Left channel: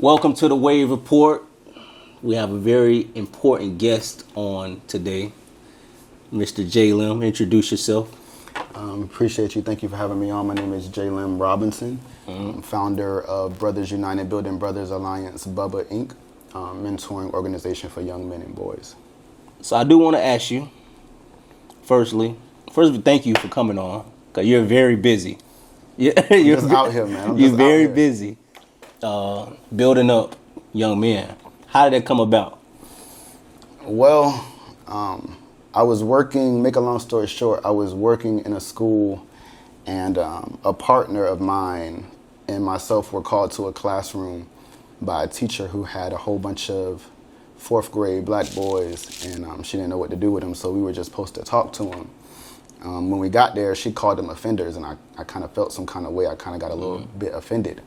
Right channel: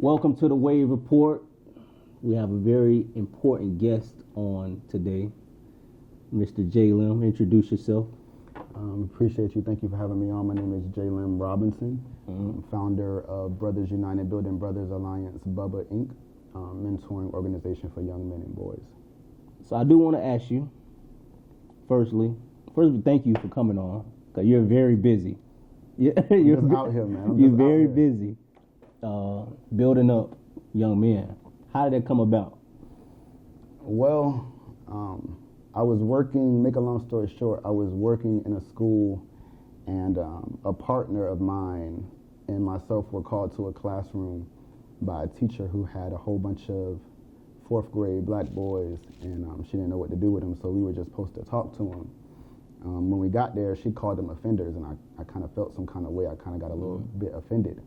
Welcome to the Wavereport. We have a very important guest on today, Mr. J. Lim. Introduce yourself. Appreciate you. Thank you for having me on. My name is J. Lim Robinson. I'm founder of Brothers United Building Brothers Alliance, BUBBA Inc., mentoring organization for young men and boys. So I do want to ask you, first, thank you for coming on, because you're very busy. You're just out here, man. You're very busy building up young men. How did that come about? Well, I was working, make a long story short, I was working in a school, and a partner of mine and myself were called to a classroom by a teacher who had a whole bunch of fourth grade black boys, and she didn't know what to do with them, so we were just supposed to talk to them. When we got there, she called them offenders, and I kind of felt some kind of way. I kind of got a little bit offended.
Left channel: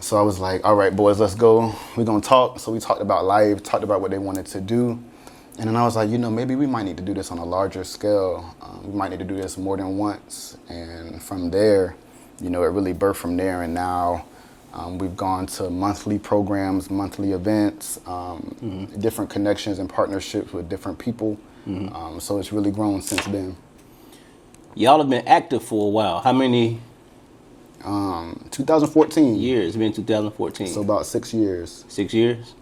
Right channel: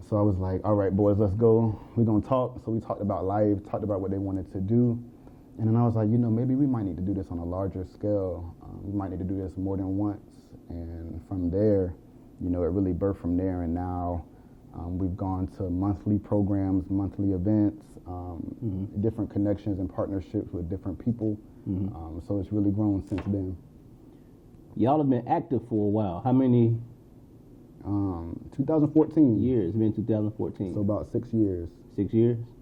So I was like, all right, boys, let's go. We're going to talk. So we talked about life, talked about what they wanted to do. And then I was like, maybe we might need to do this on a larger scale. We might need to do this more than once. And from there, it really birthed from there. And now we've gone to monthly programs, monthly events, different connections and partnerships with different people. So it's really grown since then. Y'all have been active for a while. How many? 2014. Years. It's been 2014. So about 6 years. 6 years?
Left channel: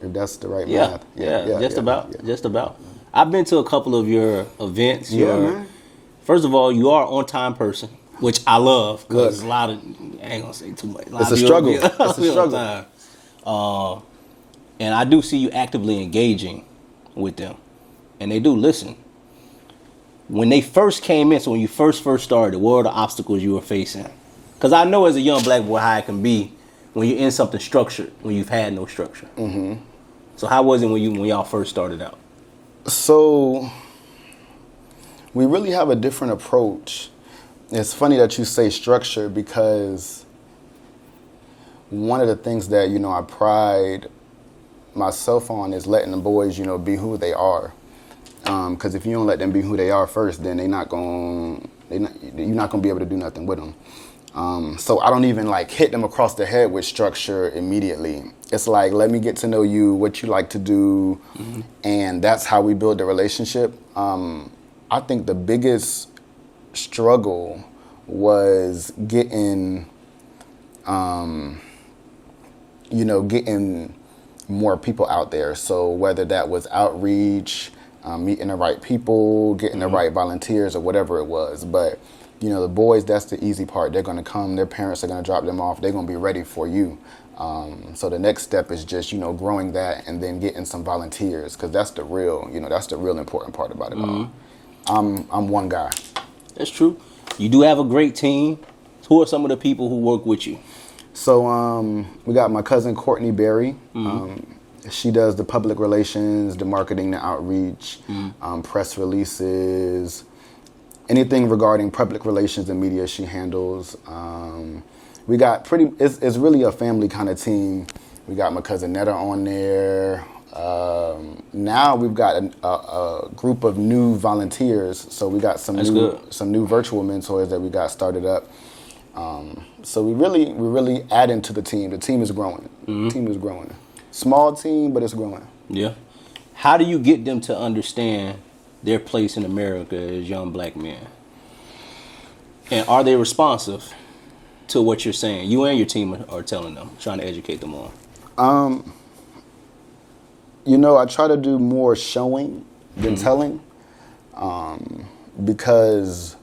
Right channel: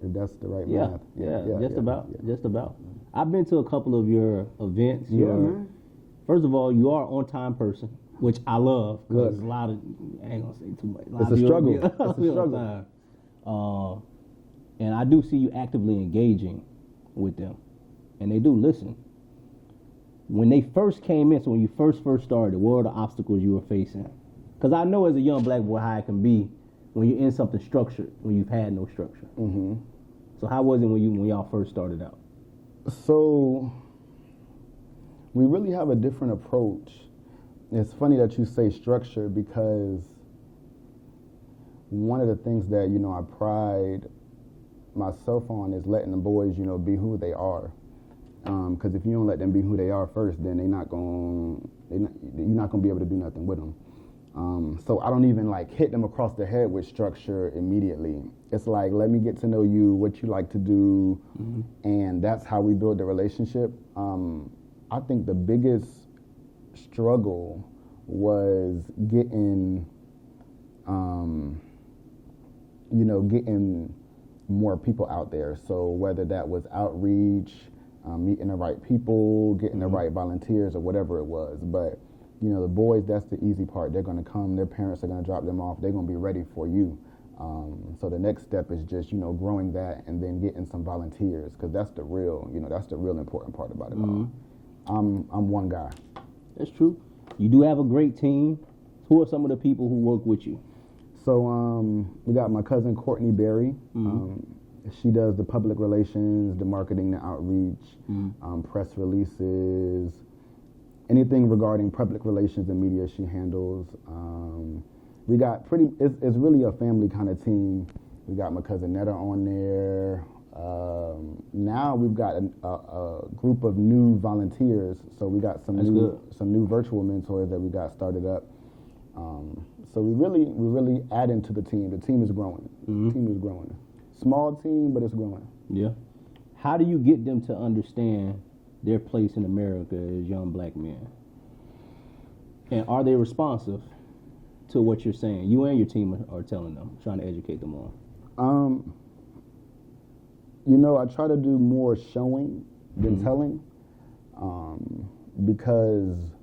If that's the right Yeah, math. just about. I've been to a couple of your events. Man. First of all, you are an on-time person, which I love, because Good. a lot of, I ain't gonna say too much. It's a struggle. It's a struggle. And I do see you actively engaging with them, and they do listen. When they first came in, so when you first started, what were the obstacles you were facing? Because I know as a young black boy how it can be when you're in something structured, when you've had no structure. Mm-hmm. So how was it when y'all first started out? So we really have a different approach. It's funny that you say structure, because one of the things that, I pride myself on is letting the boys, be who they are. Because if you don't let them be who they are first, then you're not going to be able to do nothing with them. So I don't even hit them across the head with structure immediately. It's like, let me get to know you, what you like to do, and that's how we build the relationship. I think the biggest struggle was getting more people out there. So whether that was outreach, meeting the right people, getting the right volunteers, or whatever it was. But the boys, that's the easy part. They're going to come, their parents are going to drop them off, they're going to be ready for you. So the next step is just, growing that and then getting some volunteers, because that's the real important part about it all. I'm one guy. That's true. You do have a great team. Who are some of the people who work with you? So we got my cousin Courtney Berry. She does the public relations, the marketing, the outreach, press releases, anything regarding public relations and media she handles. We got it's really a family kind of team. We got my cousin Netta on there. Now we've got a group of new volunteers. So we got some new virtual mentors that we got started up. So we're really adding to the team. The team is growing. The team is growing. Small team, but it's growing. Yeah. How do you get them to understand their place in America as young black men? And are they responsive to what you're saying? You and your team are telling them, trying to educate them on. I try to do more showing than telling, because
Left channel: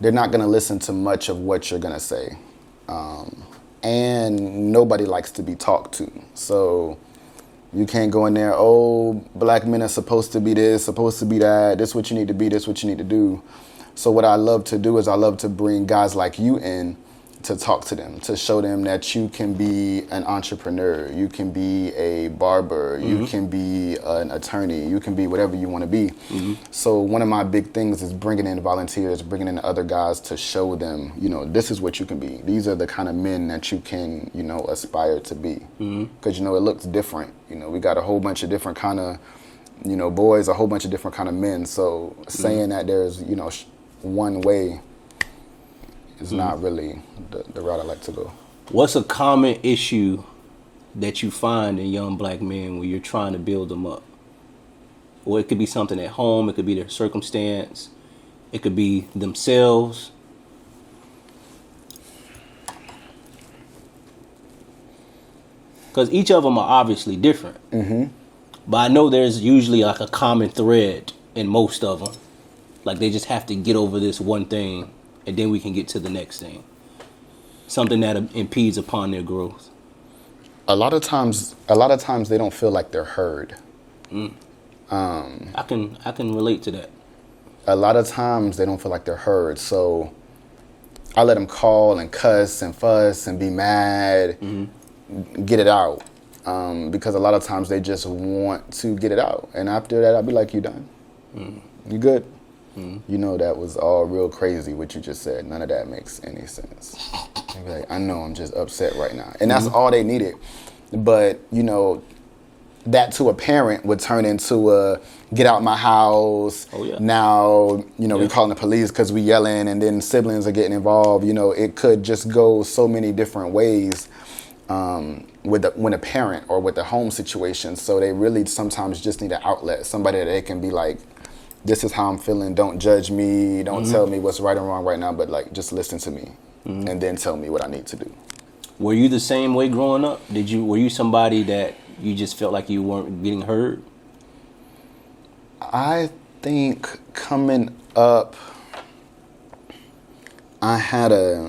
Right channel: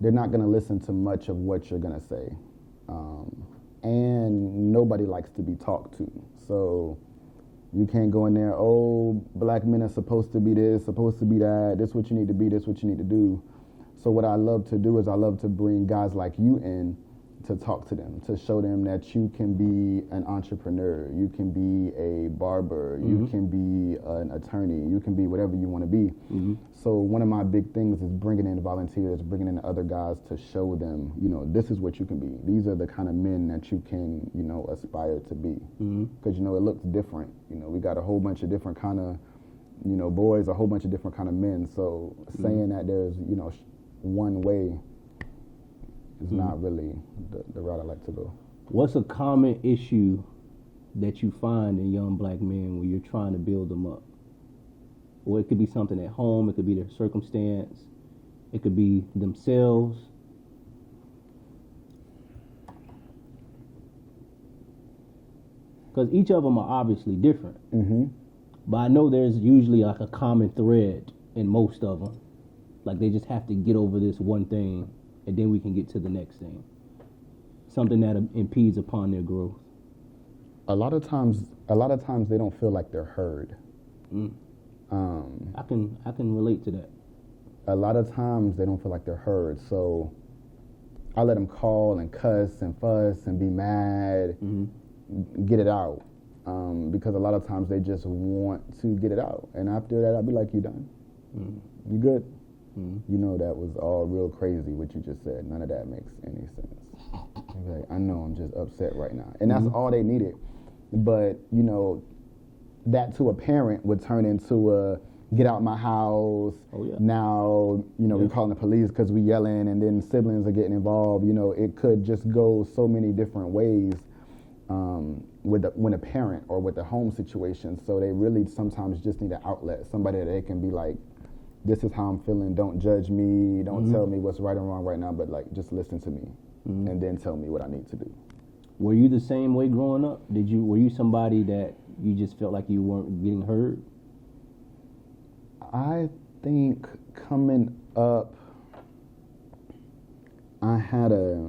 they're not going to listen to much of what you're going to say. And nobody likes to be talked to. So you can't go in there, black men are supposed to be this, supposed to be that, this what you need to be, this what you need to do. So what I love to do is I love to bring guys like you in to talk to them, to show them that you can be an entrepreneur, you can be a barber, you can be an attorney, you can be whatever you want to be. So one of my big things is bringing in volunteers, bringing in other guys to show them, this is what you can be. These are the kind of men that you can, aspire to be. Because, it looks different. We got a whole bunch of different kind of, boys, a whole bunch of different kind of men. So saying that there's, one way is not really the route I like to go. What's a common issue that you find in young black men when you're trying to build them up? Or it could be something at home, it could be their circumstance, it could be themselves. Because each of them are obviously different. Mm-hmm. But I know there's usually like a common thread in most of them. Like they just have to get over this one thing, and then we can get to the next thing. Something that impedes upon their growth. A lot of times they don't feel like they're heard. I can relate to that. A lot of times they don't feel like they're heard. So I let them call and cuss and fuss and be mad, get it out. Because a lot of times they just want to get it out. And after that, I'll be like, you done? You good? You know, that was all real crazy what you just said. None of that makes any sense. I'd be like, I know I'm just upset right now. And that's all they needed. But, you know, that to a parent would turn into a get out my house. Oh, yeah. Now, you know, we calling the police because we yelling, and then siblings are getting involved. You know, it could just go so many different ways when a parent or with the home situation. So they really sometimes just need an outlet, somebody that they can be like, this is how I'm feeling. Don't judge me. Don't tell me what's right and wrong right now, but like just listen to me and then tell me what I need to do. Were you the same way growing up? Were you somebody that you just felt like you weren't getting heard? I think coming up, I had a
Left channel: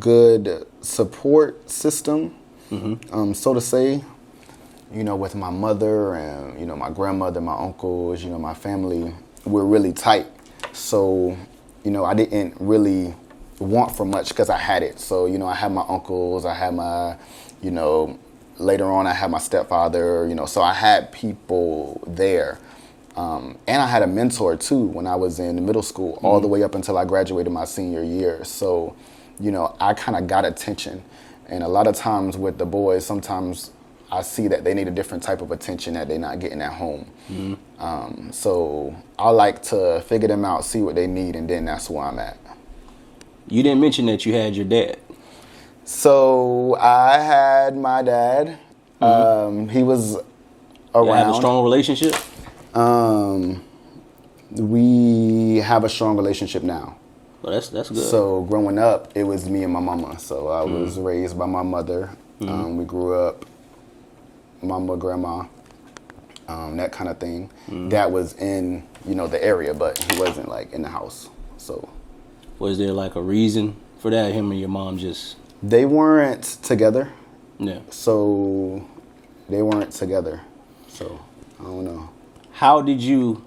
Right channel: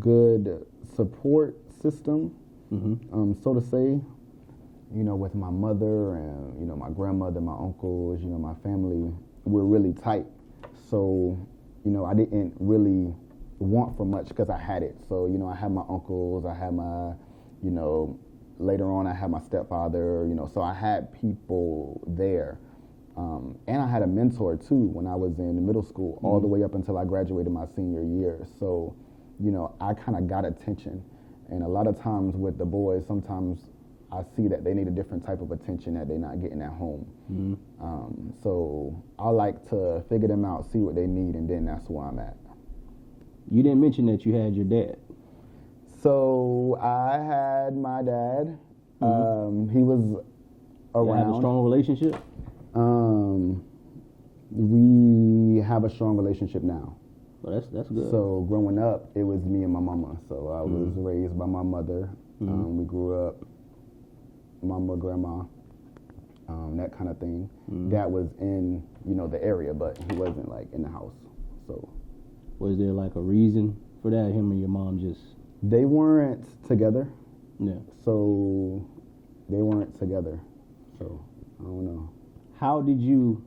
good support system, so to say. You know, with my mother and, you know, my grandmother, my uncles, you know, my family, we're really tight. So, you know, I didn't really want for much because I had it. So, you know, I had my uncles, I had my, you know, later on I had my stepfather, you know, so I had people there. And I had a mentor too when I was in middle school, all the way up until I graduated my senior year. So, you know, I kind of got attention. And a lot of times with the boys, sometimes I see that they need a different type of attention that they're not getting at home. So I like to figure them out, see what they need, and then that's where I'm at. You didn't mention that you had your dad. So I had my dad. He was around. You have a strong relationship? We have a strong relationship now. Well, that's good. So growing up, it was me and my mama. So I was raised by my mother. We grew up, mama, grandma, that kind of thing. That was in, you know, the area, but he wasn't like in the house. So was there like a reason for that? Him and your mom just... They weren't together. Yeah. So they weren't together. So I don't know. How did you,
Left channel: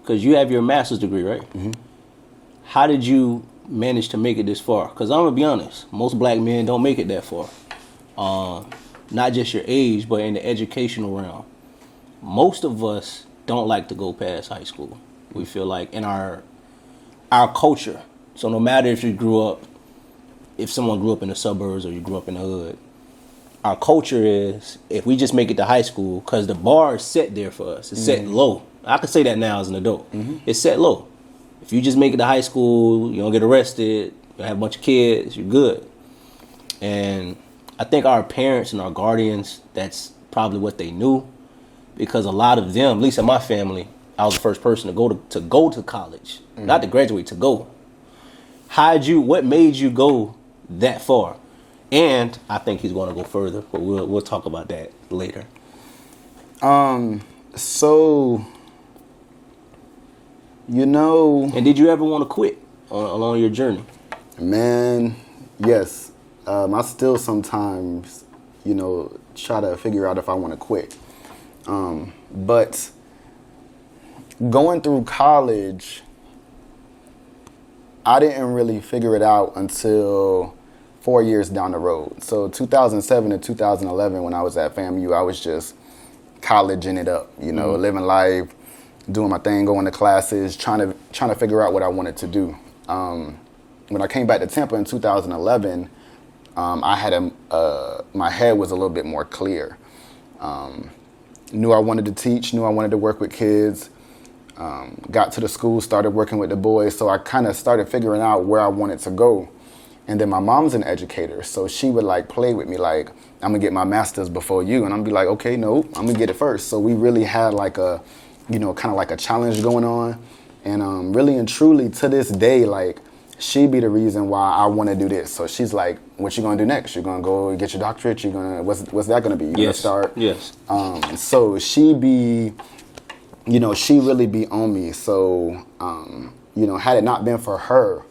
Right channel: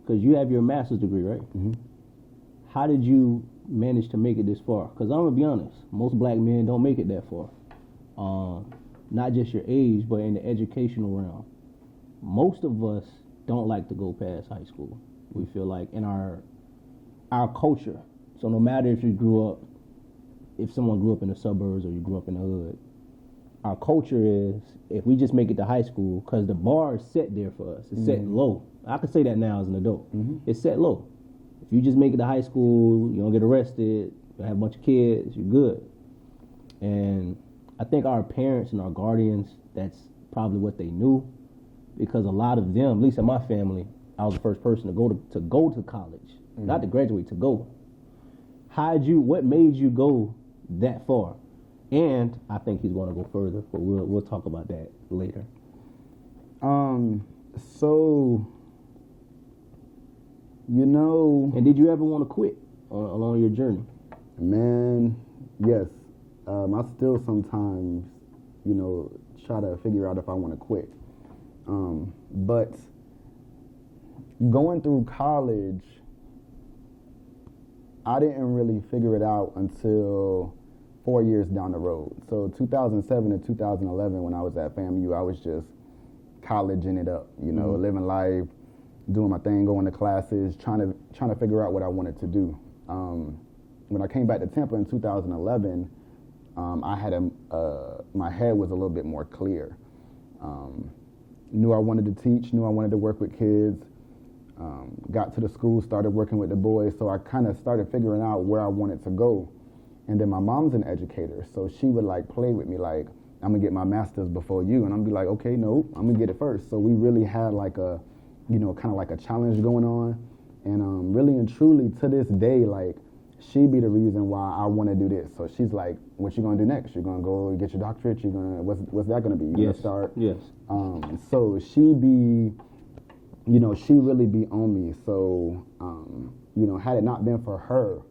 because you have your master's degree, right? How did you manage to make it this far? Because I'm going to be honest, most black men don't make it that far. Not just your age, but in the educational realm. Most of us don't like to go past high school. We feel like in our culture, so no matter if someone grew up in the suburbs or you grew up in the hood, our culture is if we just make it to high school, because the bar is set there for us. It's set low. I can say that now as an adult. It's set low. If you just make it to high school, you don't get arrested, you have a bunch of kids, you're good. And I think our parents and our guardians, that's probably what they knew, because a lot of them, at least in my family, I was the first person to go to college, not to graduate, to go. What made you go that far? And I think he's going to go further, but we'll talk about that later. So, you know... And did you ever want to quit along your journey? Man, yes. I still sometimes, you know, try to figure out if I want to quit. But going through college, I didn't really figure it out until 4 years down the road. So 2007 to 2011, when I was at FAMU, I was just colleging it up, you know, living life, doing my thing, going to classes, trying to figure out what I wanted to do. When I came back to Tampa in 2011, I had my head was a little bit more clear. Knew I wanted to teach, knew I wanted to work with kids. Got to the school, started working with the boys, so I kind of started figuring out where I wanted to go. And then my mom's an educator, so she would like play with me like, I'm gonna get my master's before you, and I'm be like, okay, no, I'm gonna get it first. So we really had like a, you know, kind of like a challenge going on, and really and truly to this day, like she be the reason why I want to do this. So she's like, what you gonna do next? You're gonna go get your doctorate? You gonna what's that gonna be? You gonna start? Yes. So she be, you know, she really be on me. So you know, had it not been for her,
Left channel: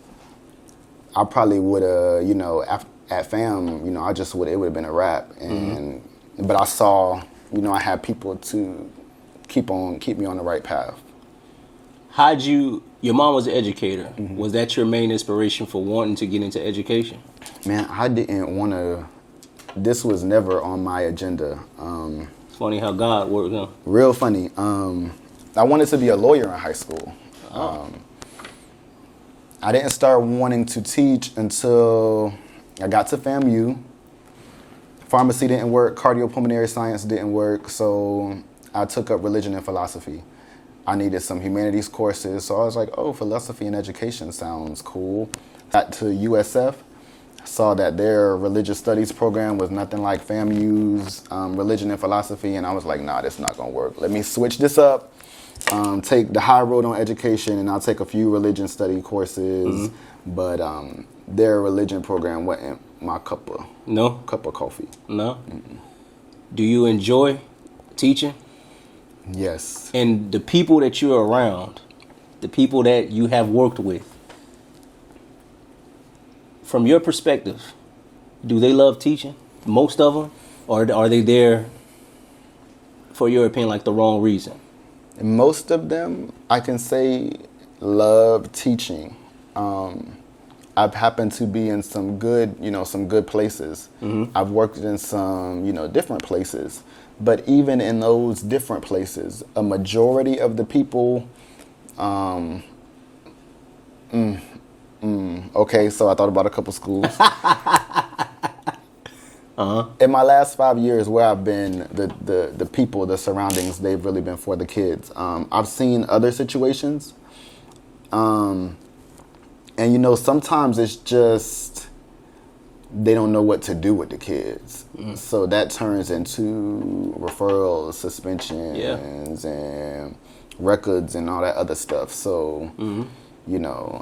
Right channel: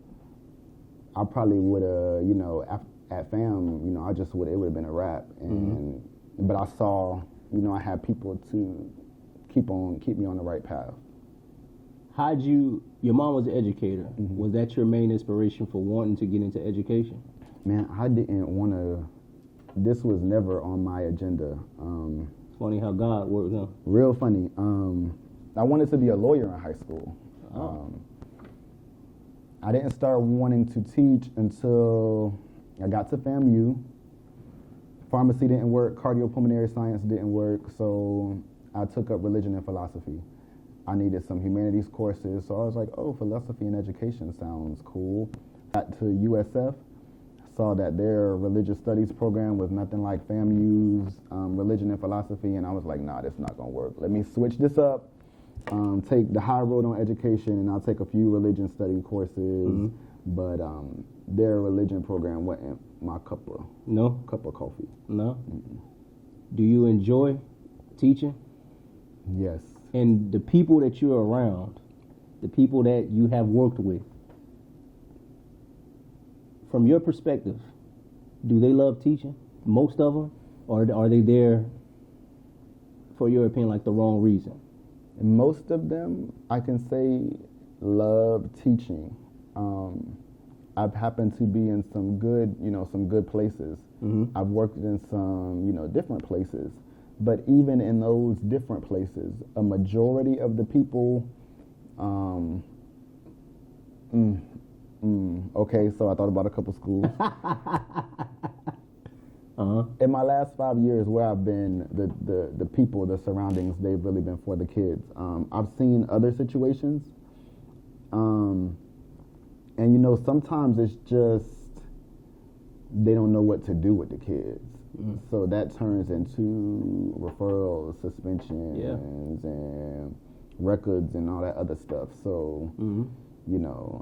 I probably would have, you know, at FAM, you know, it would have been a wrap. And but I saw, you know, I had people to keep me on the right path. Your mom was an educator. Was that your main inspiration for wanting to get into education? Man, I didn't want to, this was never on my agenda. It's funny how God works, huh? Real funny. I wanted to be a lawyer in high school. I didn't start wanting to teach until I got to FAMU. Pharmacy didn't work, cardiopulmonary science didn't work, so I took up religion and philosophy. I needed some humanities courses, so I was like, oh, philosophy and education sounds cool. Got to USF, saw that their religious studies program was nothing like FAMU's religion and philosophy, and I was like, nah, this not gonna work. Let me switch this up, take the high road on education, and I'll take a few religion study courses, but their religion program wasn't my cup of coffee. No? Mm-mm. Do you enjoy teaching? Yes. And the people that you're around, the people that you have worked with, from your perspective, do they love teaching? Most of them? Or are they there, for your opinion, like the wrong reason? Most of them, I can say, love teaching. I've happened to be in some good places. I've worked in some, different places. But even in those different places, a majority of the people, okay, so I thought about a couple schools. In my last 5 years where I've been, the people, the surroundings, they've really been for the kids. I've seen other situations. And sometimes it's just, they don't know what to do with the kids. So that turns into referrals, suspensions, and records and all that other stuff. So,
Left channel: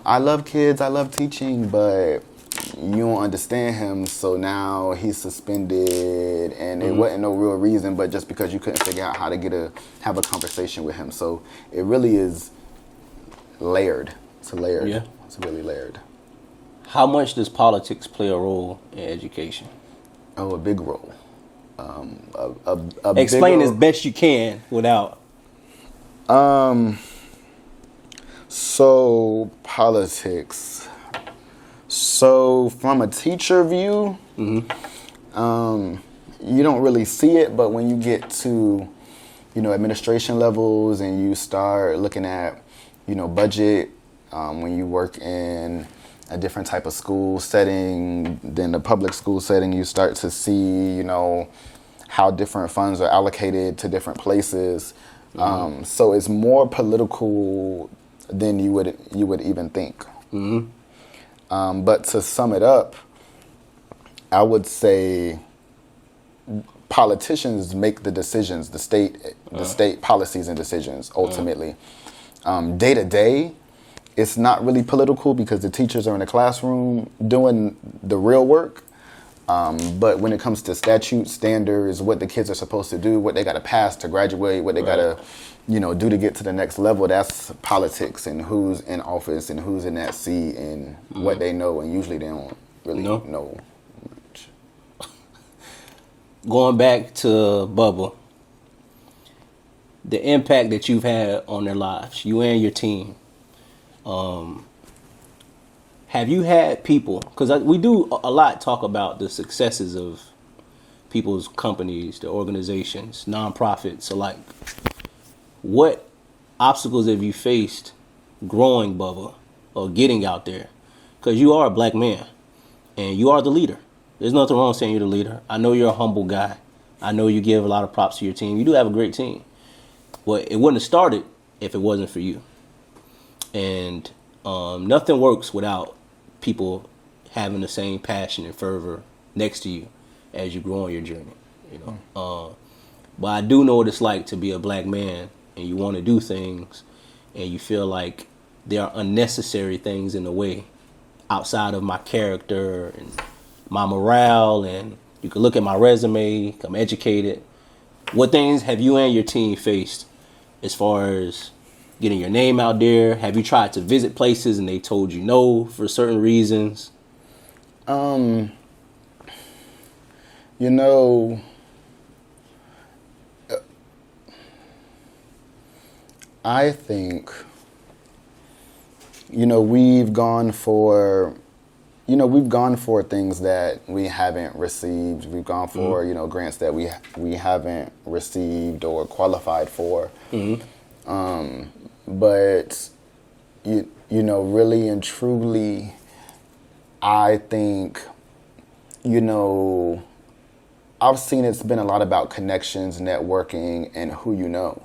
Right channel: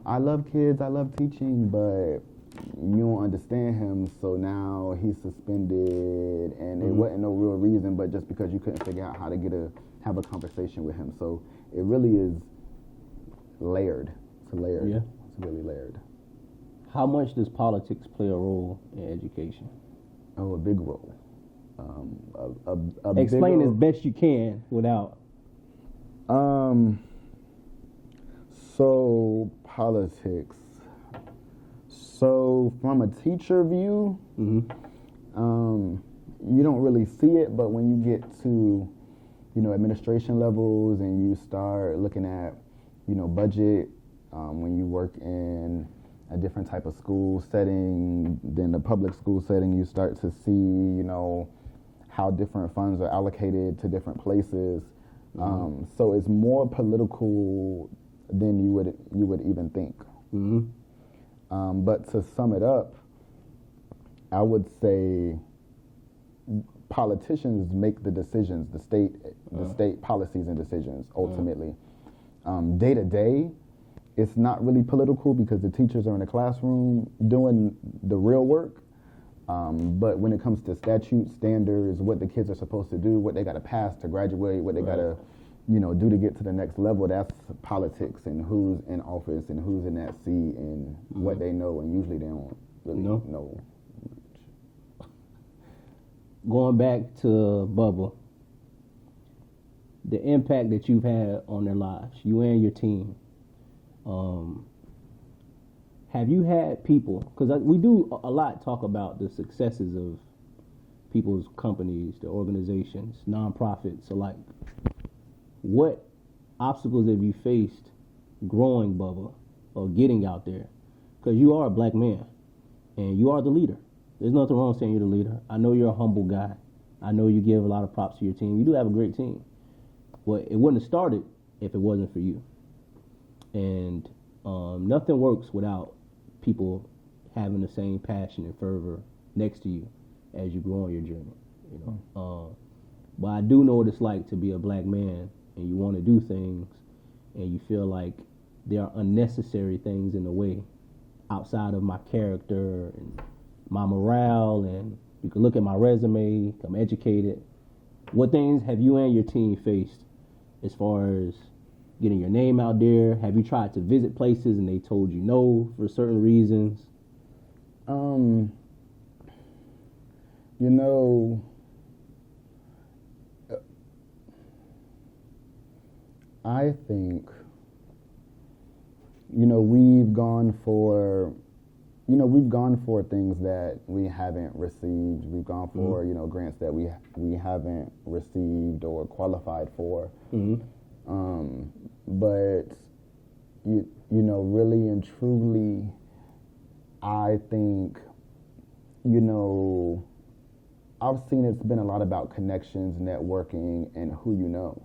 I love kids, I love teaching, but you don't understand him, so now he's suspended, and it wasn't no real reason, but just because you couldn't figure out how to have a conversation with him. So it really is layered. It's layered. Yeah. It's really layered. How much does politics play a role in education? Oh, a big role. Explain as best you can without. So politics. So from a teacher view, you don't really see it, but when you get to, administration levels and you start looking at, budget, when you work in a different type of school setting than the public school setting, you start to see, how different funds are allocated to different places. So it's more political than you would even think. But to sum it up, I would say politicians make the decisions, the state policies and decisions ultimately. Day to day, it's not really political because the teachers are in the classroom doing the real work. But when it comes to statute standards, what the kids are supposed to do, what they got to pass to graduate, what they got to, do to get to the next level, that's politics, and who's in office and who's in that seat and what they know. And usually they don't really know much. Going back to BUBBA, the impact that you've had on their lives, you and your team. Have you had people, because we do a lot talk about the successes of people's companies, the organizations, nonprofits alike. What obstacles have you faced growing BUBBA or getting out there? Because you are a black man and you are the leader. There's nothing wrong saying you're the leader. I know you're a humble guy. I know you give a lot of props to your team. You do have a great team. But it wouldn't have started if it wasn't for you. And nothing works without people having the same passion and fervor next to you as you grow on your journey, you know. But I do know what it's like to be a black man and you want to do things and you feel like there are unnecessary things in the way outside of my character and my morale, and you can look at my resume, I'm educated. What things have you and your team faced as far as getting your name out there? Have you tried to visit places and they told you no for certain reasons? You know, I think, you know, we've gone for things that we haven't received. We've gone for, you know, grants that we haven't received or qualified for. But, you know, really and truly, I think, you know, I've seen it's been a lot about connections, networking, and who you know.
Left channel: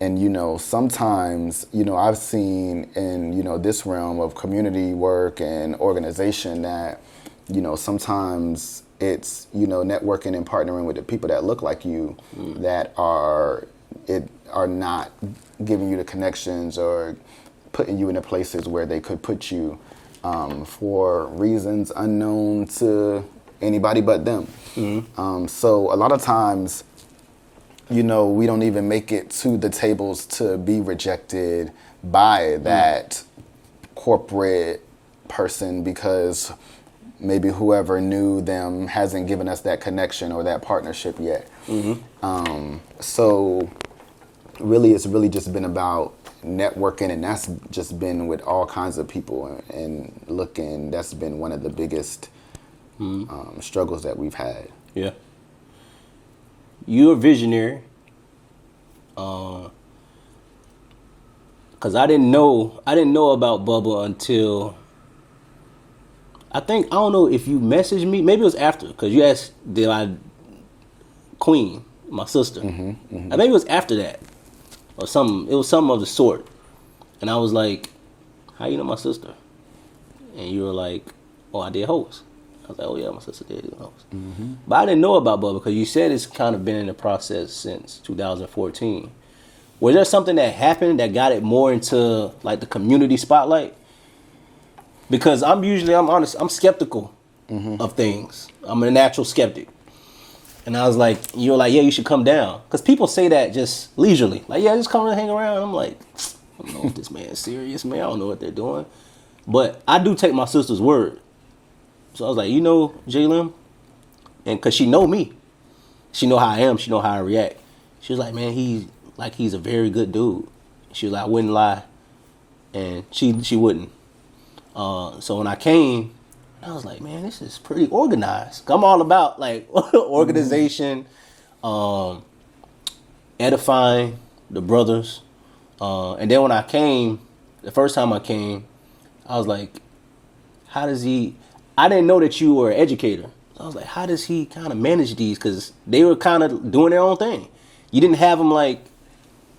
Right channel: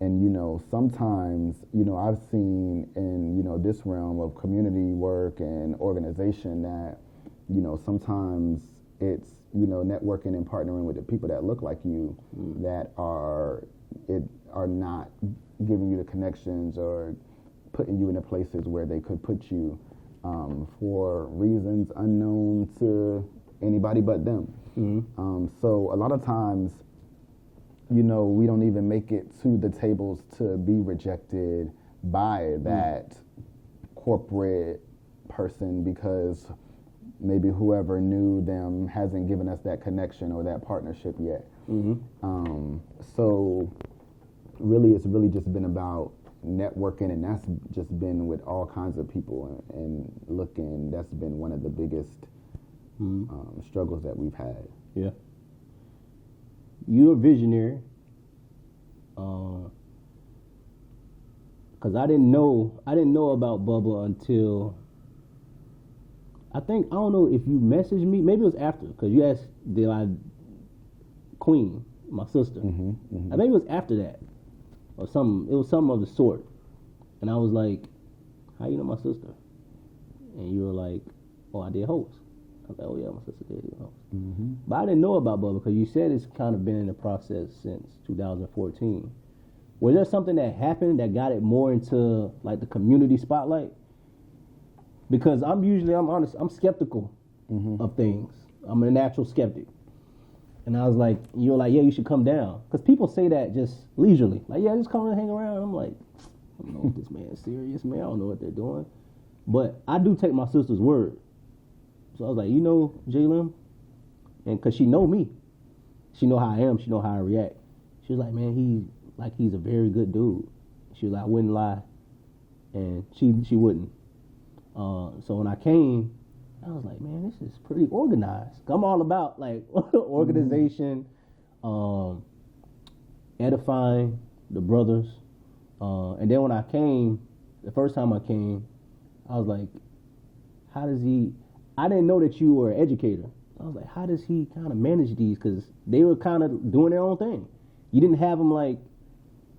And, you know, sometimes, you know, I've seen in, you know, this realm of community work and organization that, you know, sometimes it's, you know, networking and partnering with the people that look like you that are not giving you the connections or putting you in the places where they could put you for reasons unknown to anybody but them. So a lot of times, you know, we don't even make it to the tables to be rejected by that corporate person because maybe whoever knew them hasn't given us that connection or that partnership yet. So really, it's really just been about networking, and that's just been with all kinds of people and looking. That's been one of the biggest struggles that we've had. Yeah. You're a visionary. Cause I didn't know about BUBBA until I don't know if you messaged me. Maybe it was after, cause you asked, did I Queen, my sister? Maybe it was after that, or something. It was something of the sort. And I was like, "How you know my sister?" And you were like, "Oh, I did host." I was like, "Oh yeah, my sister did host." But I didn't know about BUBBA because you said it's kind of been in the process since 2014. Was there something that happened that got it more into like the community spotlight? Because I'm honest, I'm skeptical of things. I'm a natural skeptic. And I was like, you were like, yeah, you should come down. Because people say that just leisurely. Like, yeah, just come and hang around. I'm like, I don't know if this man's serious, man. I don't know what they're doing. But I do take my sister's word. So I was like, you know, J-Lim? And because she know me. She know how I am. She know how I react. She was like, man, he's a very good dude. She was like, I wouldn't lie. And she wouldn't. So when I came, I was like, man, this is pretty organized. I'm all about like organization, edifying the brothers. And then when I came, the first time I came, I was like, how does he, I didn't know that you were an educator. So I was like, how does he kind of manage these? Because they were kind of doing their own thing. You didn't have them like,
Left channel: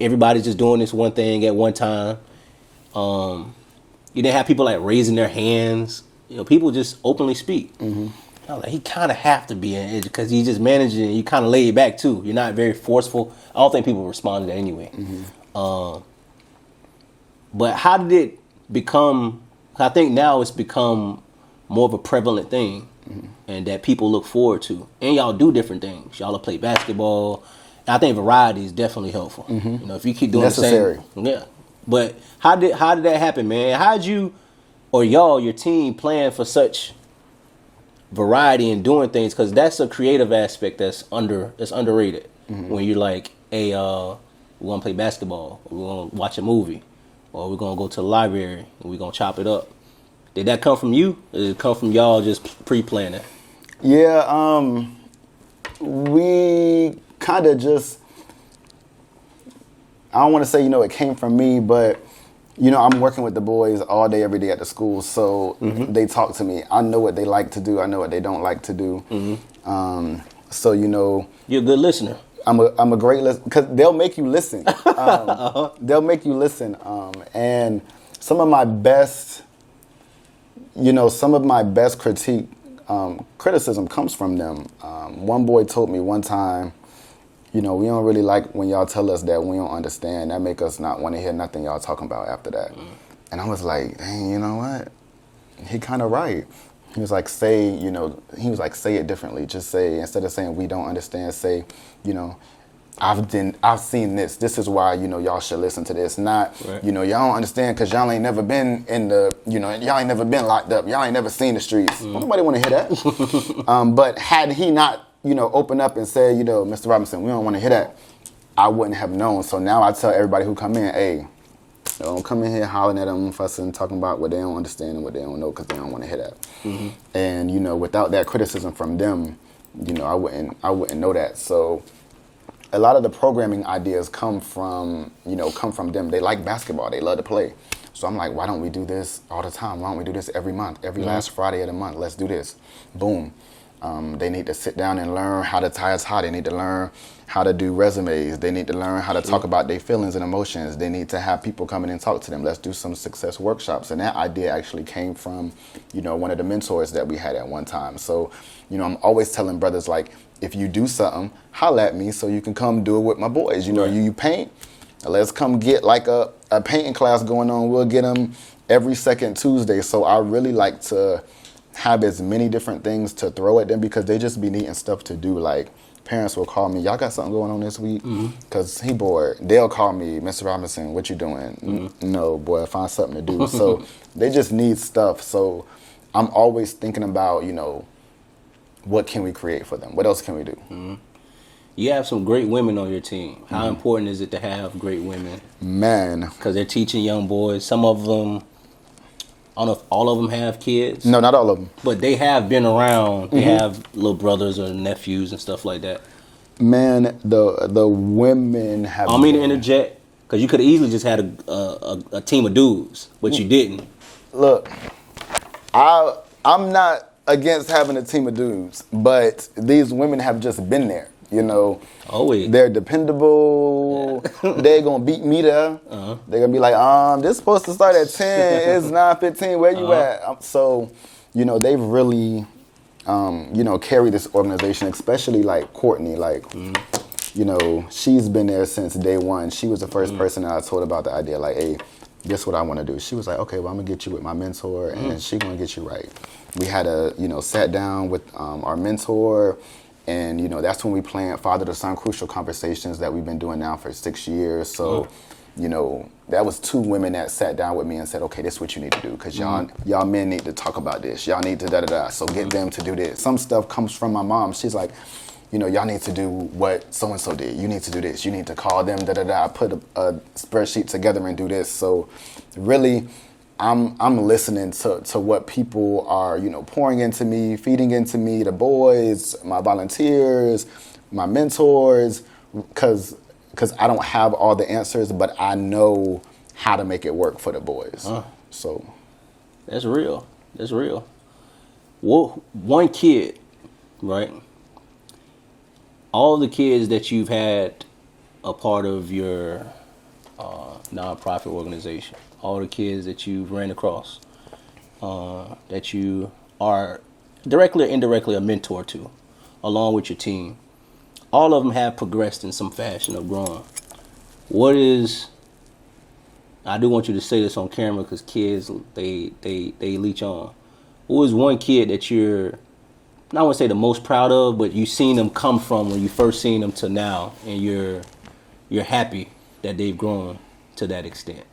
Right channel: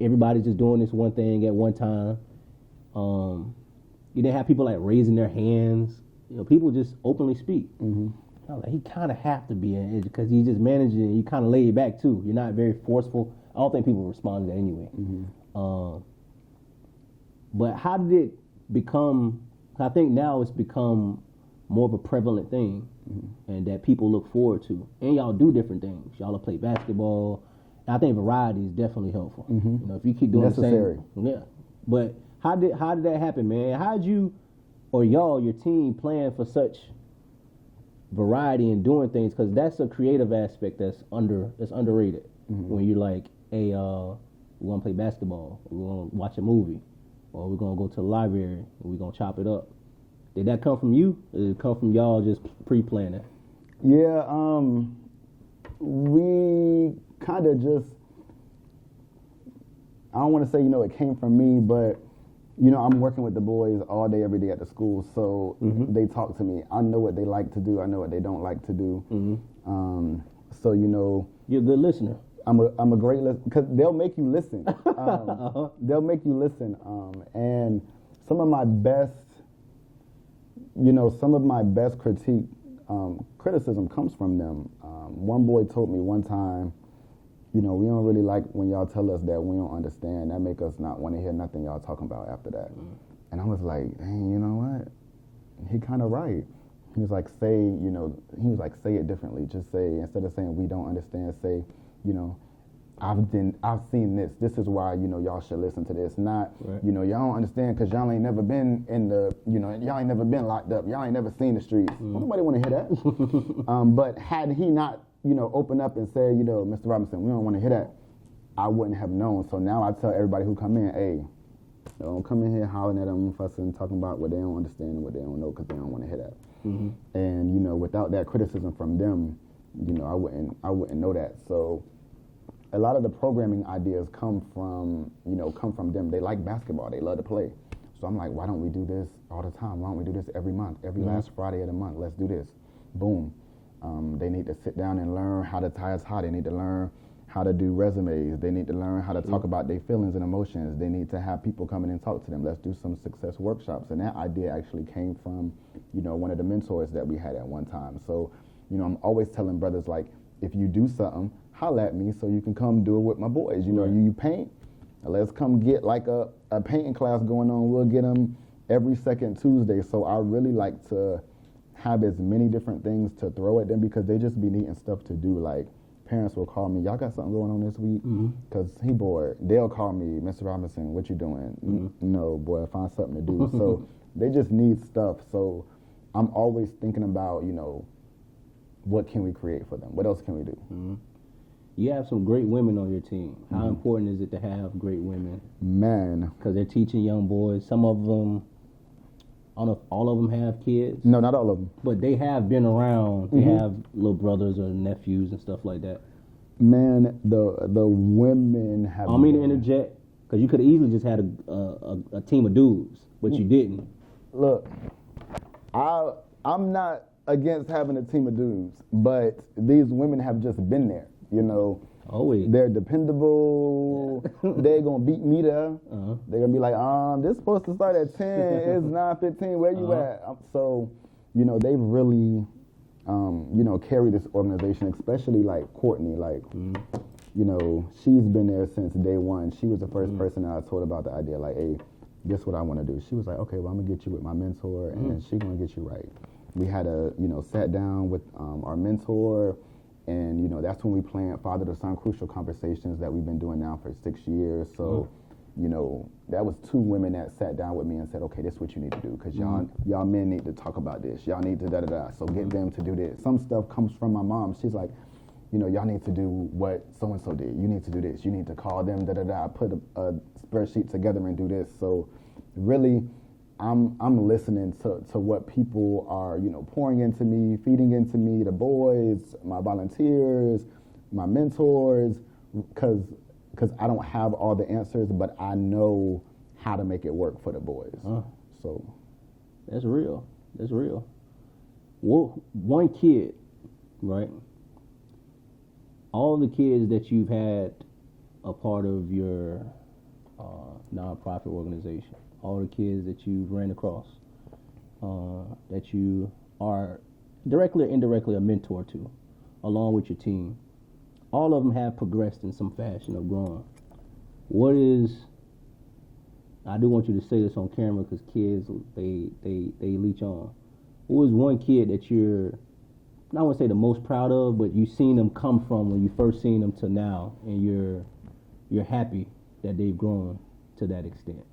everybody's just doing this one thing at one time. You didn't have people like raising their hands. You know, people just openly speak. I was like, he kind of have to be an educator because he just managing it. You kind of laid back too. You're not very forceful. I don't think people respond to that anyway. But how did it become? I think now it's become more of a prevalent thing, and that people look forward to. And y'all do different things. Y'all play basketball. And I think variety is definitely helpful. You know, if you keep doing necessary. The same, yeah. But how did that happen, man? How'd you or y'all, your team, plan for such variety and doing things? Because that's a creative aspect that's underrated. When you're like, hey, we're gonna play basketball, or we're gonna watch a movie, or we're gonna go to the library and we're gonna chop it up. Did that come from you, or did it come from y'all just pre-planning? Yeah, we kind of just, I don't want to say, you know, it came from me, but, you know, I'm working with the boys all day, every day at the school, so they talk to me. I know what they like to do. I know what they don't like to do. So, you know. You're a good listener. I'm a great listener, because they'll make you listen. They'll make you listen. And some of my best, some of my best criticism comes from them. One boy told me one time, we don't really like when y'all tell us that we don't understand. That make us not want to hear nothing y'all talking about after that. And I was like, dang, you know what? He kind of right. He was like, say it differently. Just say, instead of saying we don't understand, say, I've seen this. This is why, y'all should listen to this. Not, right. Y'all don't understand because y'all ain't never been y'all ain't never been locked up. Y'all ain't never seen the streets. Nobody want to hear that. But had he not, opened up and said, Mr. Robinson, we don't want to hear that, I wouldn't have known. So now I tell everybody who come in, hey, don't come in here hollering at them, fussing, talking about what they don't understand and what they don't know because they don't want to hear that. And, without that criticism from them, I wouldn't know that. So a lot of the programming ideas come from them. They like basketball. They love to play. So I'm like, why don't we do this all the time? Why don't we do this every month? Every last Friday of the month, let's do this. Boom. They need to sit down and learn how to tie a tie. They need to learn how to do resumes. They need to learn how to talk about their feelings and emotions. They need to have people come in and talk to them. Let's do some success workshops. And that idea actually came from, one of the mentors that we had at one time. So, I'm always telling brothers, like, if you do something, holla at me so you can come do it with my boys. You paint, let's come get like a painting class going on. We'll get them every second Tuesday. So I really like to have as many different things to throw at them because they just be needing stuff to do. Like, parents will call me, y'all got something going on this week? Because he bored. They'll call me, Mr. Robinson, what you doing? No, boy, find something to do. So they just need stuff. So I'm always thinking about, what can we create for them? What else can we do? You have some great women on your team. How important is it to have great women? Man. Because they're teaching young boys. Some of them, I don't know if all of them have kids. No, not all of them. But they have been around. They have little brothers or nephews and stuff like that. Man, the women have... I don't mean to interject, because you could have easily just had a team of dudes, but you didn't. Look, I'm not against having a team of dudes, but these women have just been there, Always. They're dependable. Yeah. They're going to beat me there. They're going to be like, this supposed to start at 10. It's 9:15. Where you at? So, they've really, carried this organization, especially like Courtney. Like, she's been there since day one. She was the first person that I told about the idea, like, hey, this is what I want to do. She was like, okay, well, I'm going to get you with my mentor, and she's going to get you right. We had sat down with our mentor, and, that's when we planned Father to Son Crucial Conversations that we've been doing now for 6 years. So, that was 2 women that sat down with me and said, okay, this is what you need to do, because y'all men need to talk about this. Y'all need to da-da-da, so get them to do this. Some stuff comes from my mom. She's like, y'all need to do what so-and-so did. You need to do this. You need to call them, da-da-da. Put a spreadsheet together and do this. So really, I'm listening to what people are, pouring into me, feeding into me, the boys, my volunteers, my mentors, because I don't have all the answers, but I know how to make it work for the boys. So that's real. That's real. Well, one kid, right? All the kids that you've had a part of your nonprofit organization, all the kids that you've ran across, that you are directly or indirectly a mentor to, along with your team, all of them have progressed in some fashion or grown. I do want you to say this on camera because kids, they leech on. What is one kid that you're, I wouldn't say the most proud of, but you've seen them come from when you first seen them to now, and you're happy that they've grown to that extent?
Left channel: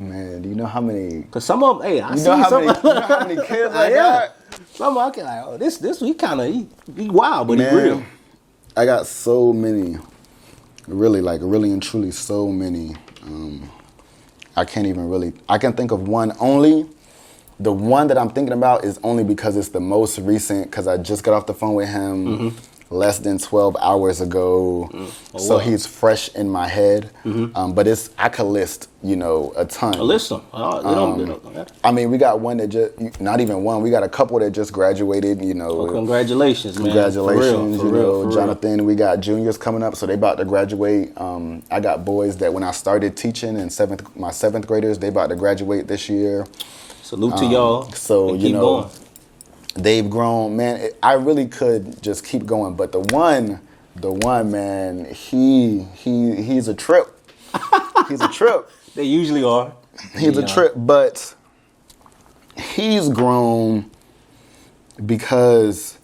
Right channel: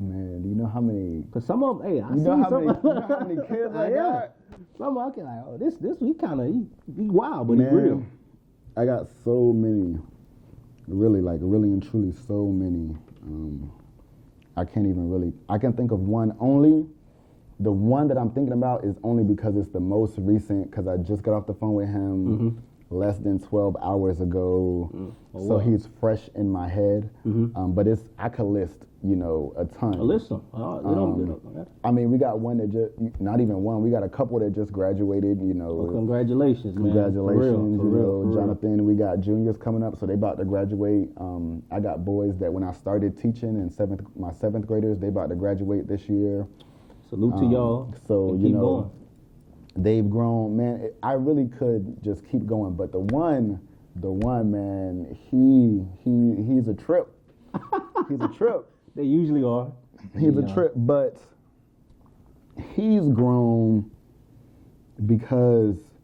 Man, do you know how many? Because some of them, hey, I see some. How many kids I got? Some of them, I can this he kind of he wild, but Man, he real. I got so many, really and truly so many. I can't even really. I can think of one only. The one that I'm thinking about is only because it's the most recent. Because I just got off the phone with him less than 12 hours ago. So he's fresh in my head. But I could list, a ton. List them. I mean, we got one that just, not even one, we got a couple that just graduated, Well, congratulations, man. Congratulations, for real. Jonathan. We got juniors coming up, so they about to graduate. I got boys that when I started teaching in my 7th graders, they about to graduate this year. Salute to y'all. So, and you keep know, going. they've grown, man. I really could just keep going, but the one, man, he's a trip. He's a trip. They usually are. He's a trip, but he's grown because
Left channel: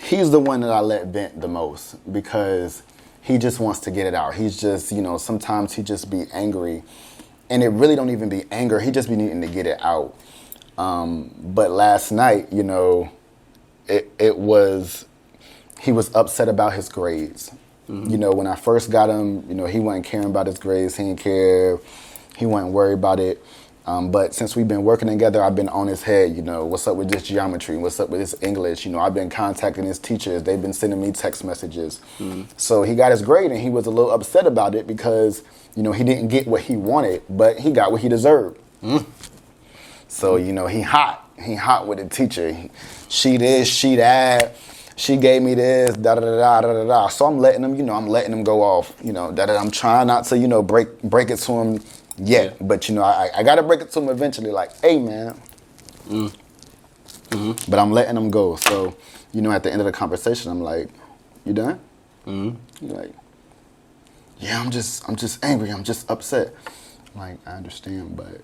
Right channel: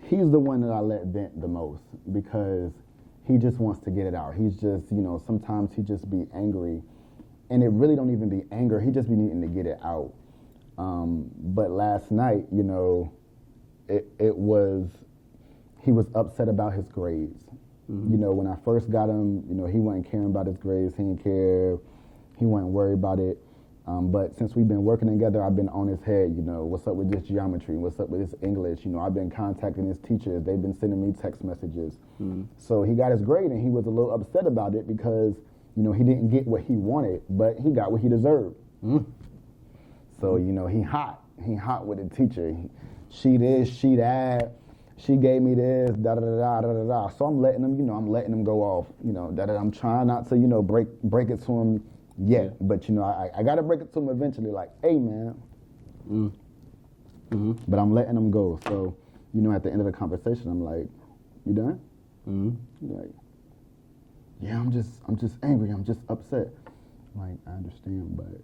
he's the one that I let vent the most, because he just wants to get it out. He's just, you know, sometimes he just be angry, and it really don't even be anger. He just be needing to get it out. But last night, you know, he was upset about his grades. Mm-hmm. You know, when I first got him, you know, he wasn't caring about his grades. He didn't care. He wasn't worried about it. But since we've been working together, I've been on his head, you know, what's up with this geometry? What's up with this English? You know, I've been contacting his teachers. They've been sending me text messages. Mm-hmm. So he got his grade, and he was a little upset about it because, you know, he didn't get what he wanted, but he got what he deserved. Mm-hmm. So, you know, he hot with the teacher. She this, she that. She gave me this, da-da-da-da-da-da-da. So I'm letting him go off, you know, da-da-da. I'm trying not to, you know, break it to him yet. Yeah. But, you know, I got to break it to him eventually, like, hey, man. Mm-hmm. But I'm letting him go. So, you know, at the end of the conversation, I'm like, you done? Mm-hmm. He's like, yeah, I'm just angry. I'm just upset. I'm like, I understand, but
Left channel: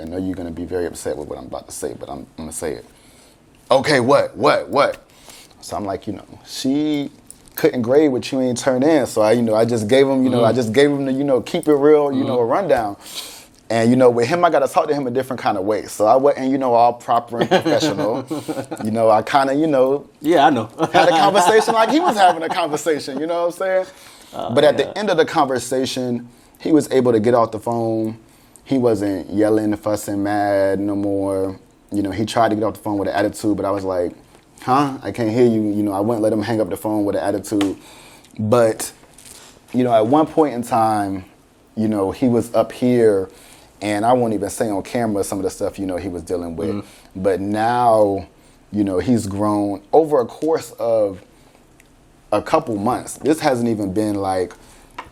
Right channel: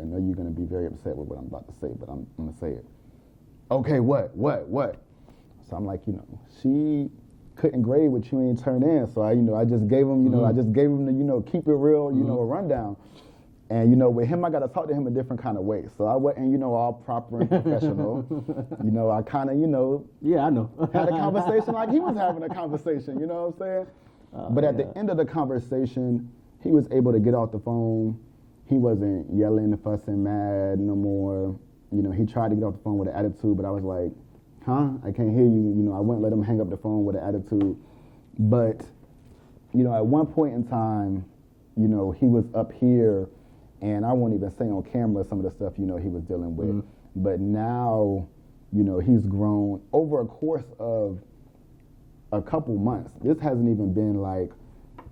I know you're going to be very upset with what I'm about to say, but I'm going to say it. Okay, what? So I'm like, you know, she couldn't grade what you ain't turned in. So I just gave him, the, you know, keep it real, you know, a rundown. And, you know, with him, I got to talk to him a different kind of way. So I wasn't, you know, all proper and professional. You know, I kind of, you know. Yeah, I know. Had a conversation like he was having a conversation, you know what I'm saying? But at the end of the conversation, he was able to get off the phone. He wasn't yelling, fussing, mad no more. You know, he tried to get off the phone with an attitude, but I was like, huh? I can't hear you. You know, I wouldn't let him hang up the phone with an attitude. But, you know, at one point in time, you know, he was up here, and I won't even say on camera some of the stuff, you know, he was dealing with. Mm-hmm. But now, you know, he's grown over a course of a couple months. This hasn't even been like,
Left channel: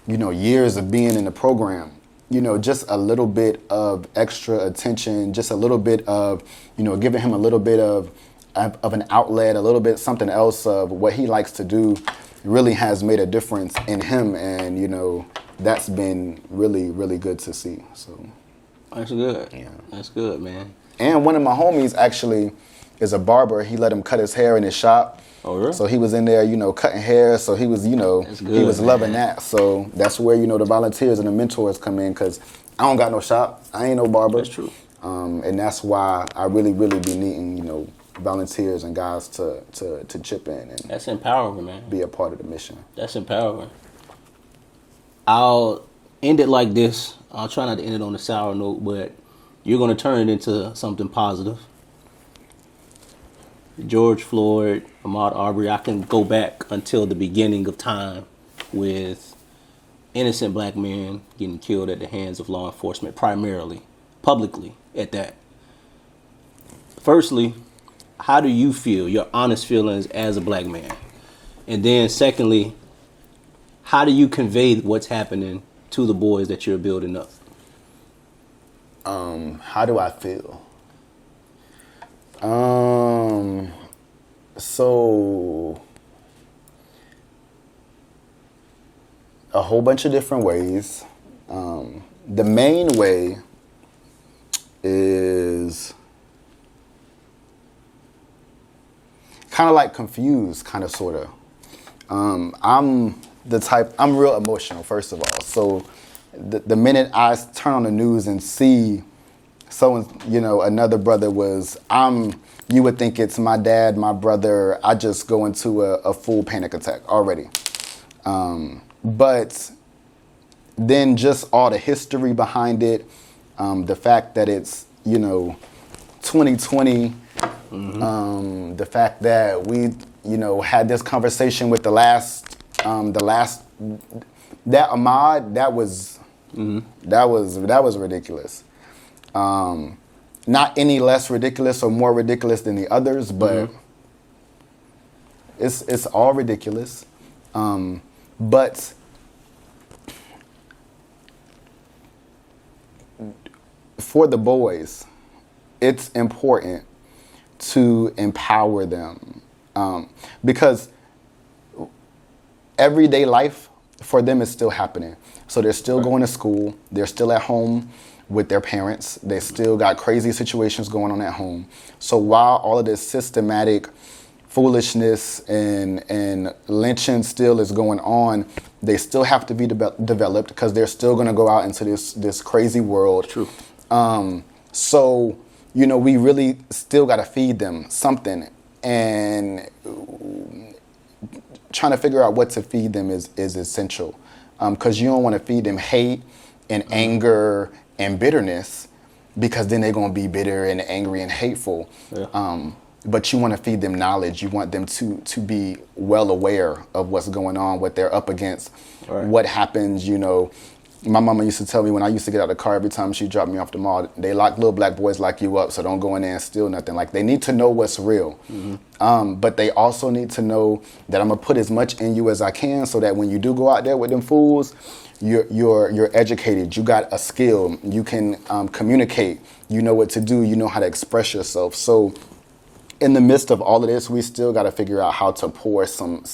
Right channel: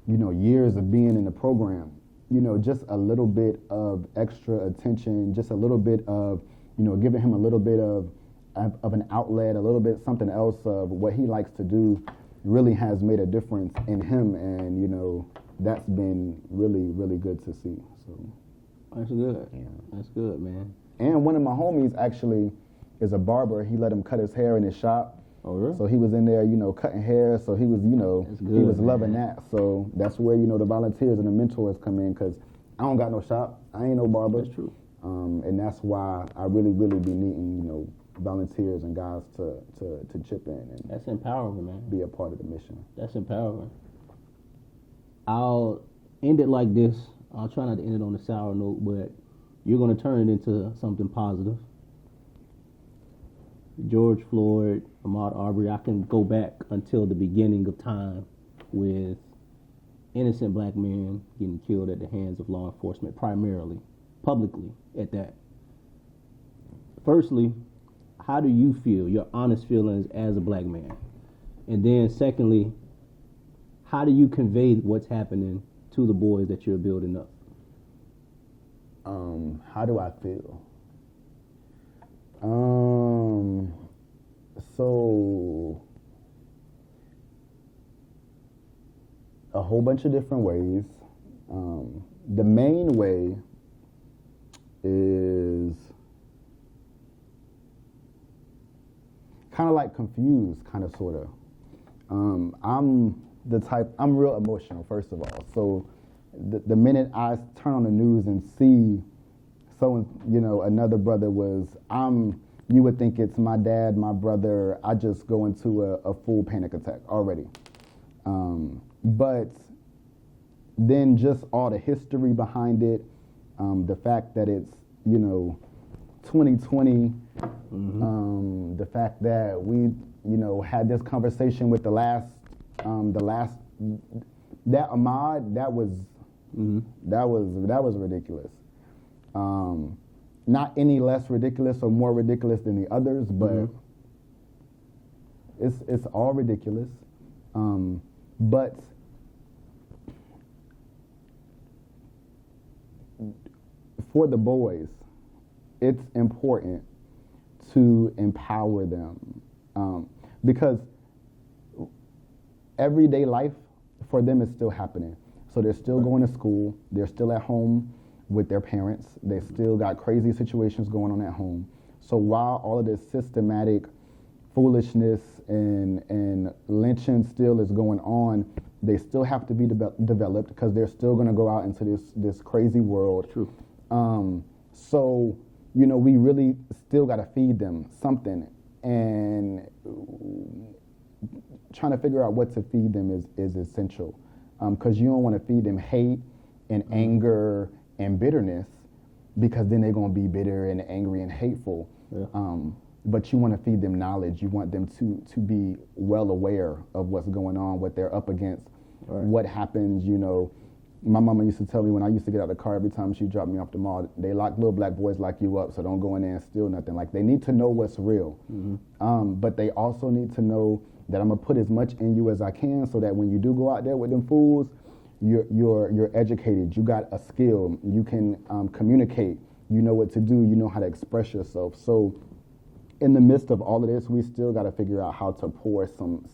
you know, years of being in the program. You know, just a little bit of extra attention, just a little bit of, you know, giving him a little bit of an outlet, a little bit something else of what he likes to do really has made a difference in him. And, you know, that's been really, really good to see. So that's good. Yeah. That's good, man. And one of my homies actually is a barber. He let him cut his hair in his shop. Oh, really? So he was in there, you know, cutting hair. So he was, you know, he was loving that. So that's where, you know, the volunteers and the mentors come in, because I don't got no shop. I ain't no barber. That's true. And that's why I really, really be needing, you know, volunteers and guys to chip in and that's empowering, man. Be a part of the mission. That's empowering. I'll end it like this. I'll try not to end it on a sour note, but you're going to turn it into something positive. George Floyd, Ahmaud Arbery, I can go back until the beginning of time with innocent black men getting killed at the hands of law enforcement, primarily, publicly at that. Firstly, how do you feel, your honest feelings as a black man? And then secondly, how do you convey what's happening to the boys that you're building up? How do I feel? So a whole bunch of different ways. The main way is kind of like confused, kind of, sort of. I'm real emotional, first of all. So the minute I turn on the news and see someone, you know, another brother you would think it's my dad, my brother, I just go into a full panic attack already. But then just all the history behind it, the fact that it's, you know, 2020, mm-hmm. The fact that we, you know, had this conversation with that Ahmaud, that was ridiculous. Not any less ridiculous or more ridiculous than the others, but mm-hmm. it's all ridiculous. But for the boys, it's important to empower them, because everyday life for them is still happening. So they're still going to school. They're still at home with their parents. They still got crazy situations going on at home. So while all of this systematic foolishness and lynching still is going on, they still have to be developed, because they're still going to go out into this crazy world. True. So, we really still got to feed them something, and trying to figure out what to feed them is essential, because you don't want to feed them hate and anger and bitterness, because then they're going to be bitter and angry and hateful. Yeah. But you want to feed them knowledge. You want them to be well aware of what's going on, what they're up against, right. What happens. My mama used to tell me when I used to get out of the car, every time she dropped me off the mall, they lock little black boys like you up, so don't go in there and steal nothing. Like, they need to know what's real. Mm-hmm. But they also need to know that I'm gonna put as much in you as I can, so that when you do go out there with them fools, you're educated. You got a skill. You can communicate. You know what to do. You know how to express yourself. So in the midst of all of this, we still got to figure out how to pour some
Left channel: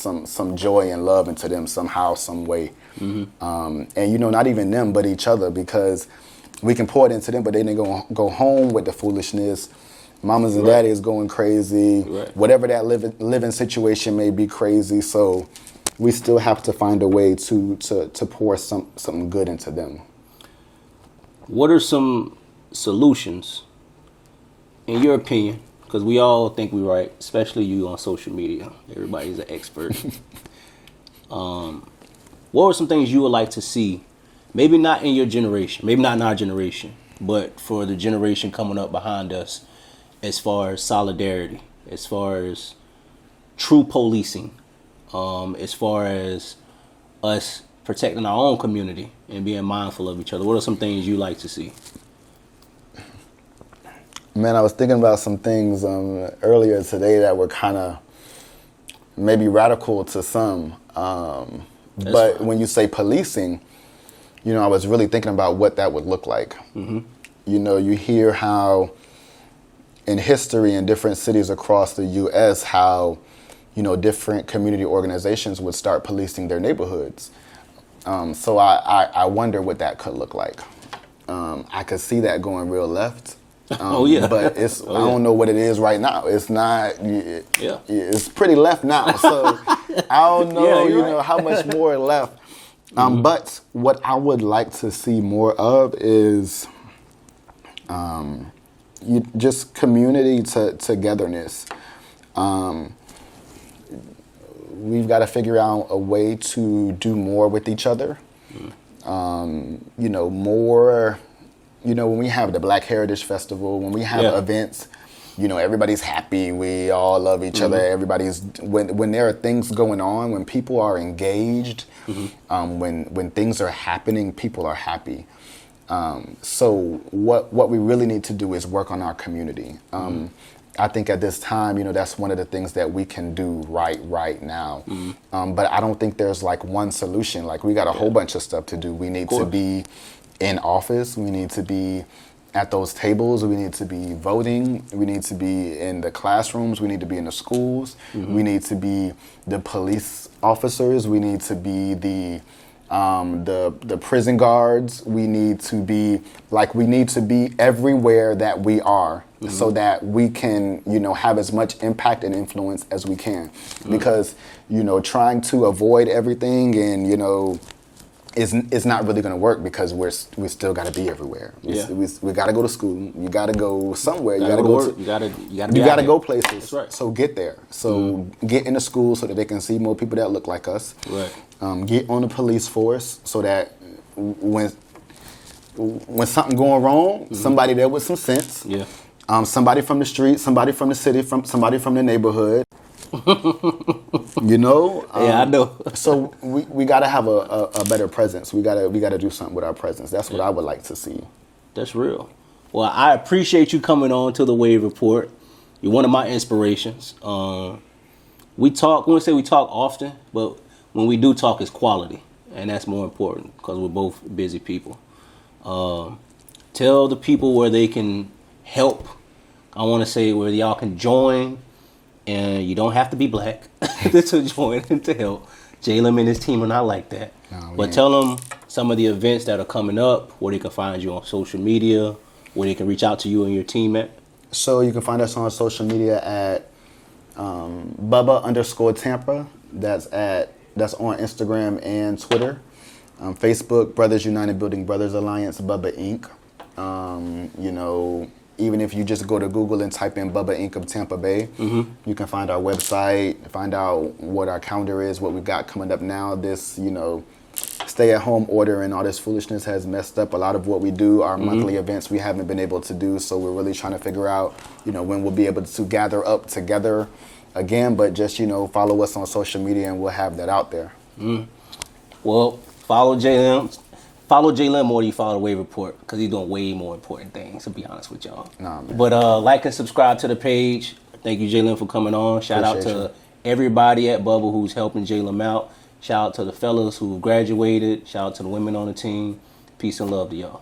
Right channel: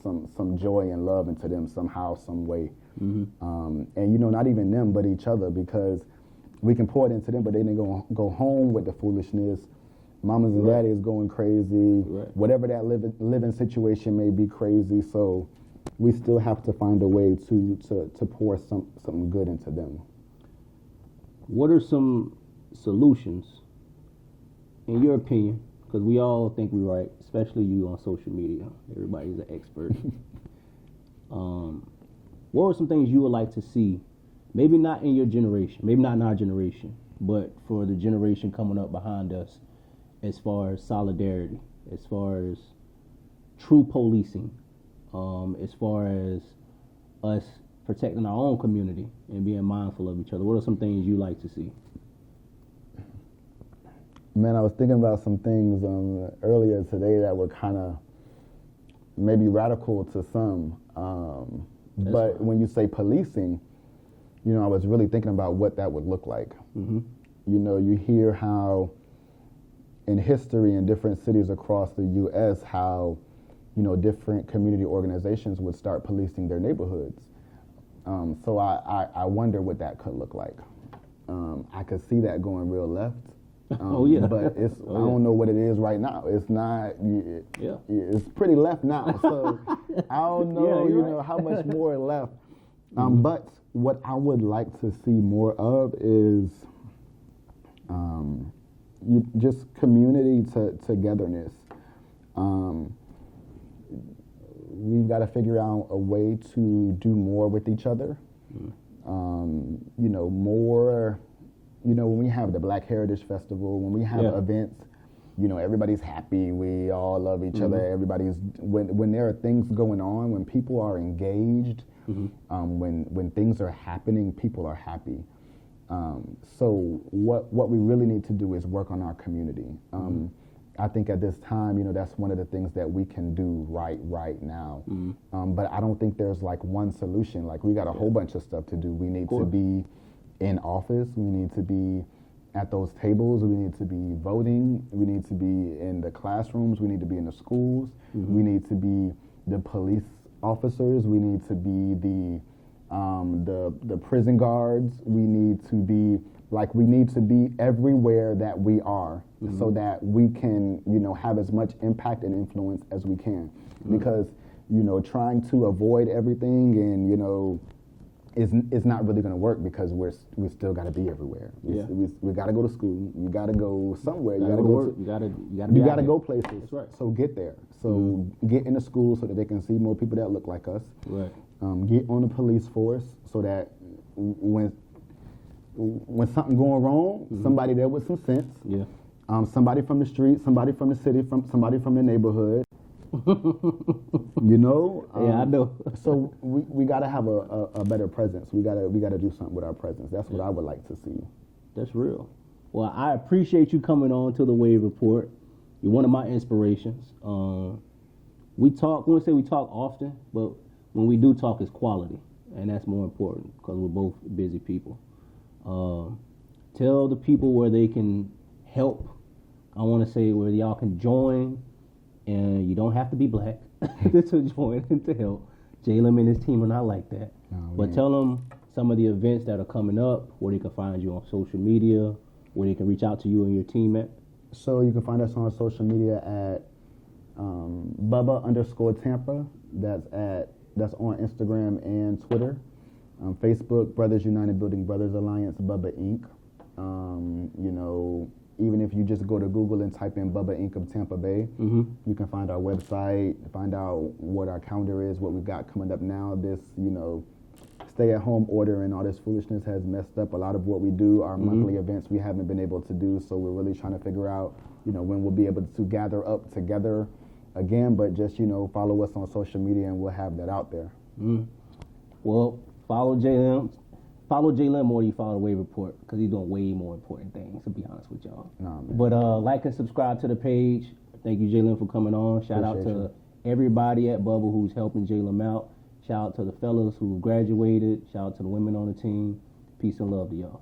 joy and love into them somehow, some way. Mm-hmm. And not even them, but each other, because we can pour it into them, but then they go home with the foolishness. Mamas and daddies going crazy. Right. Whatever that living situation may be, crazy. So we still have to find a way to pour something good into them. What are some solutions, in your opinion? Because we all think we're right, especially you on social media. Everybody's an expert. What are some things you would like to see? Maybe not in your generation, maybe not in our generation, but for the generation coming up behind us, as far as solidarity, as far as true policing, as far as us protecting our own community and being mindful of each other. What are some things you like to see? Man, I was thinking about some things earlier today that were kind of maybe radical to some. But fine. When you say policing, I was really thinking about what that would look like. Mm-hmm. You hear how in history in different cities across the U.S., how, different community organizations would start policing their neighborhoods. So I wonder what that could look like. I could see that going real left. Oh yeah, but I don't know what it is right now. It's not. It's pretty left now. So I don't know. How much more left. Mm-hmm. But what I would like to see more of is, just community togetherness. We've got to figure out a way to do more with each other. More. When we have the Black Heritage Festival, when we have events, everybody's happy. We all love each other. Everybody's when there are things going on, when people are engaged, when things are happening, people are happy. So what we really need to do is work on our community. I think at this time, that's one of the things that we can do right now. But I don't think there's like one solution. Like, we got a whole bunch of stuff to do. We need to be in office, we need to be at those tables, we need to be voting, we need to be in the classrooms, we need to be in the schools, we need to be the police officers, we need to be the prison guards, we need to be everywhere that we are, so that we can, have as much impact and influence as we can. Because, trying to avoid everything and, it's not really going to work, because we still got to be everywhere. We got to go to school. You got to go somewhere. You got to go to You got to go places. That's right. So get there. So get into school so that they can see more people that look like us. Right. Get on the police force so that when something going wrong, somebody there with some sense. Yeah. Somebody from the street, somebody from the city, somebody from the neighborhood. Yeah, I know. So we got to have a better presence. We got to do something with our presence. That's what I would like to see. That's real. Well, I appreciate you coming on to the Wavereport. You're one of my inspirations. We talk often, but when we do talk, it's quality, and that's more important, because we're both busy people. Tell the people where they can help. I want to say where y'all can join, and you don't have to be black to join and to help. Jalen and his team are not like that. No, But tell them some of the events that are coming up, where they can find you on social media, where they can reach out to you and your team at. So you can find us on social media at BUBBA_Tampa. That's on Instagram and Twitter. Facebook, Brothers United Building Brothers Alliance, BUBBA Inc. Even if you just go to Google and type in BUBBA Inc. of Tampa Bay, you can find our website, find out what our calendar is, what we've got coming up now. This, stay-at-home order and all this foolishness has messed up a lot of what we do. Our monthly events we haven't been able to do, so we're really trying to figure out, when we'll be able to gather up together again. But just, follow us on social media and we'll have that out there. Well, follow Jalen. Follow Jalen more than you follow the Wavereport, because he's doing way more important things, to be honest with y'all. Nah, man. But like and subscribe to the page. Thank you, Jalen, for coming on. Shout out to everybody at BUBBA who's helping Jalen out. Shout out to the fellas who graduated. Shout out to the women on the team. Peace and love to y'all.